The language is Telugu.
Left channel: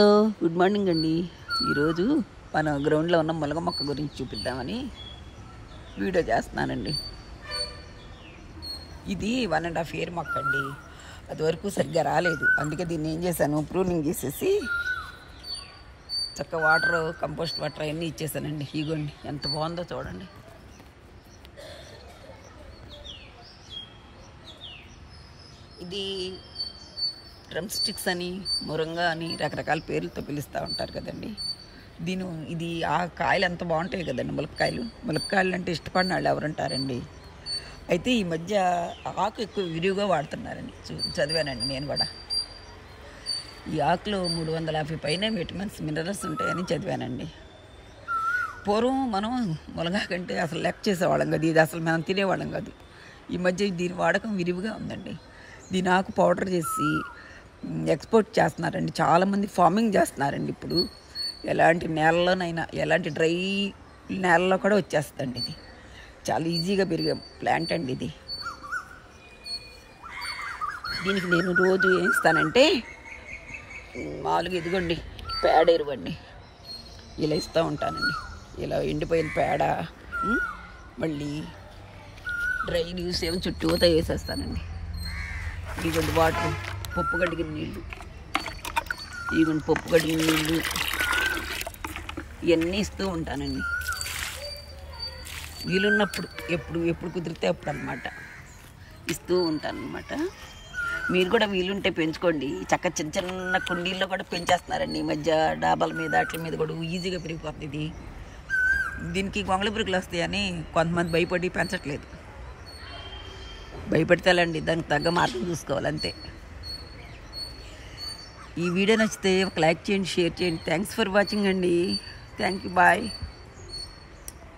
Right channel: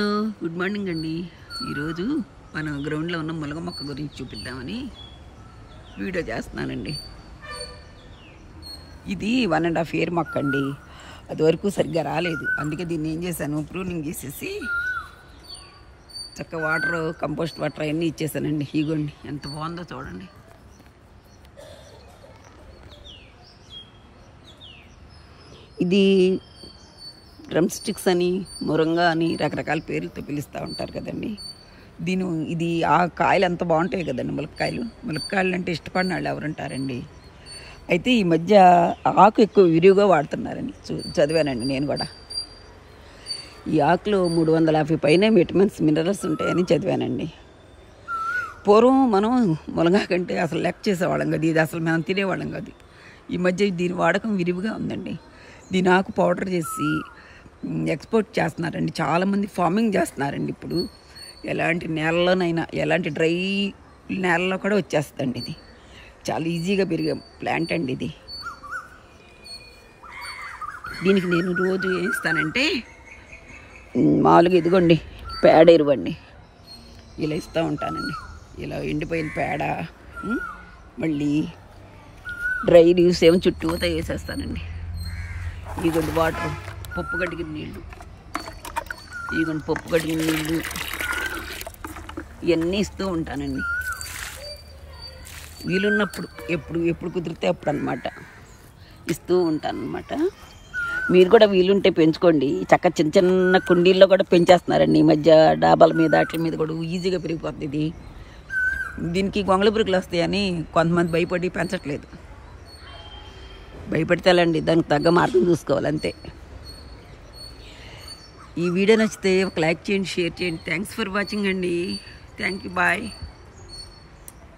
హలో, గుడ్ మార్నింగ్ అండి. ఈరోజు మన గ్రౌండ్లో ఉన్న ములగ మొక్క గురించి చూపిద్దామని వీడియో చేస్తున్నానండి. ఇది 1.5 year మొక్క అండి. అది వరకు సరిగ్గా రాలేదు. అందుకే దీన్ని ఏం చేశాను, ప్రూనింగ్ చేసేసి చక్కగా వాటర్, కంపోస్ట్ వాటర్ అవన్నీ ఇచ్చేసానండి. ఇగోండి ఎంత బాగుందో చూడండి. ఇది డ్రమ్ స్టిక్స్ అని, మురంగా అని రకరకాల పేర్లతో పిలుస్తూ ఉంటారు కదండి. ఇది ఆ కాయలు ఎంత బాగుంటాయి కదండి. ములక్కాయలు అంటే ఇష్టపడిన వాళ్ళు ఎవరుంటారండి. అయితే ఈ మధ్య ఆకు ఎక్కువ విరివిగా వాడుతున్నారండి. చదివానండి నేను కూడా. ఈ ఆకులో 350 పైన విటమిన్స్, మినరల్స్ ఉంటాయని చదివానండి. పూర్వం మనం ములగా కంటే అసలు లెక్క చేసేవాళ్ళం కాదు. ఇది అసలు మనం తినేవాళ్ళం కాదు. ఈ మధ్య దీని వాడకం విరివిగా ఉందండి. దీని ఆకు పౌడర్ చేసి ఎక్స్పోర్ట్ చేస్తున్నారండి. చాలామంది ఫార్మింగ్ చేస్తున్నారండి. ఇప్పుడు ఎలాంటి నేలలోనైనా, ఎలాంటి డ్రై నేలలో కూడా వచ్చేస్తుందండి. ఇది చాలా ఈజీగా పెరిగే ప్లాంట్ అండి. దీనికి నేను రోజు ఏం ఇస్తానంటే, మామూలుగా ఇదిగోండి పేడ ఎరువండి ఇలా ఇస్తూ ఉంటానండి. ఇలా ఎండిపోయిన పేడ, మళ్ళీ డ్రై లీవ్స్ ఏమో చుట్టూతో వేసేస్తానండి. ఇదిగోండి వాటర్, పప్పు కడిగిన నీళ్ళు, ఇదిగోండి పప్పు కడిగిన నీళ్ళు, ఇవన్నీ ఇస్తూ ఉంటానండి. వీలున్నప్పుడు ఎప్పుడు కుదిరితే అప్పుడు అనమాట ఇస్తూ ఉంటాను అనమాట. మీరు కూడా వీలుంటే పెంచుకోండి. చక్కగా చిన్న చిన్న కుండీల్లో కూడా పెంచేస్తున్నారండి ఈ మధ్య. డాబాల మీద వాటి మీద కూడా ఈజీగా పెరిగిపోతుంది. దీనికి గొంగళి పురుగులు వస్తాయని కొంతమంది భయపడి పెంచట్లేదు. భయపెడతాలండి, దానికి తగ్గ మార్గం చూసుకోవాలి అంతే. ఈ వీడియో నచ్చితే ఒక లైక్ చేయండి, షేర్ చేయండి. థ్యాంక్స్ ఫర్ వాచింగ్ అండి. Thank you, bye.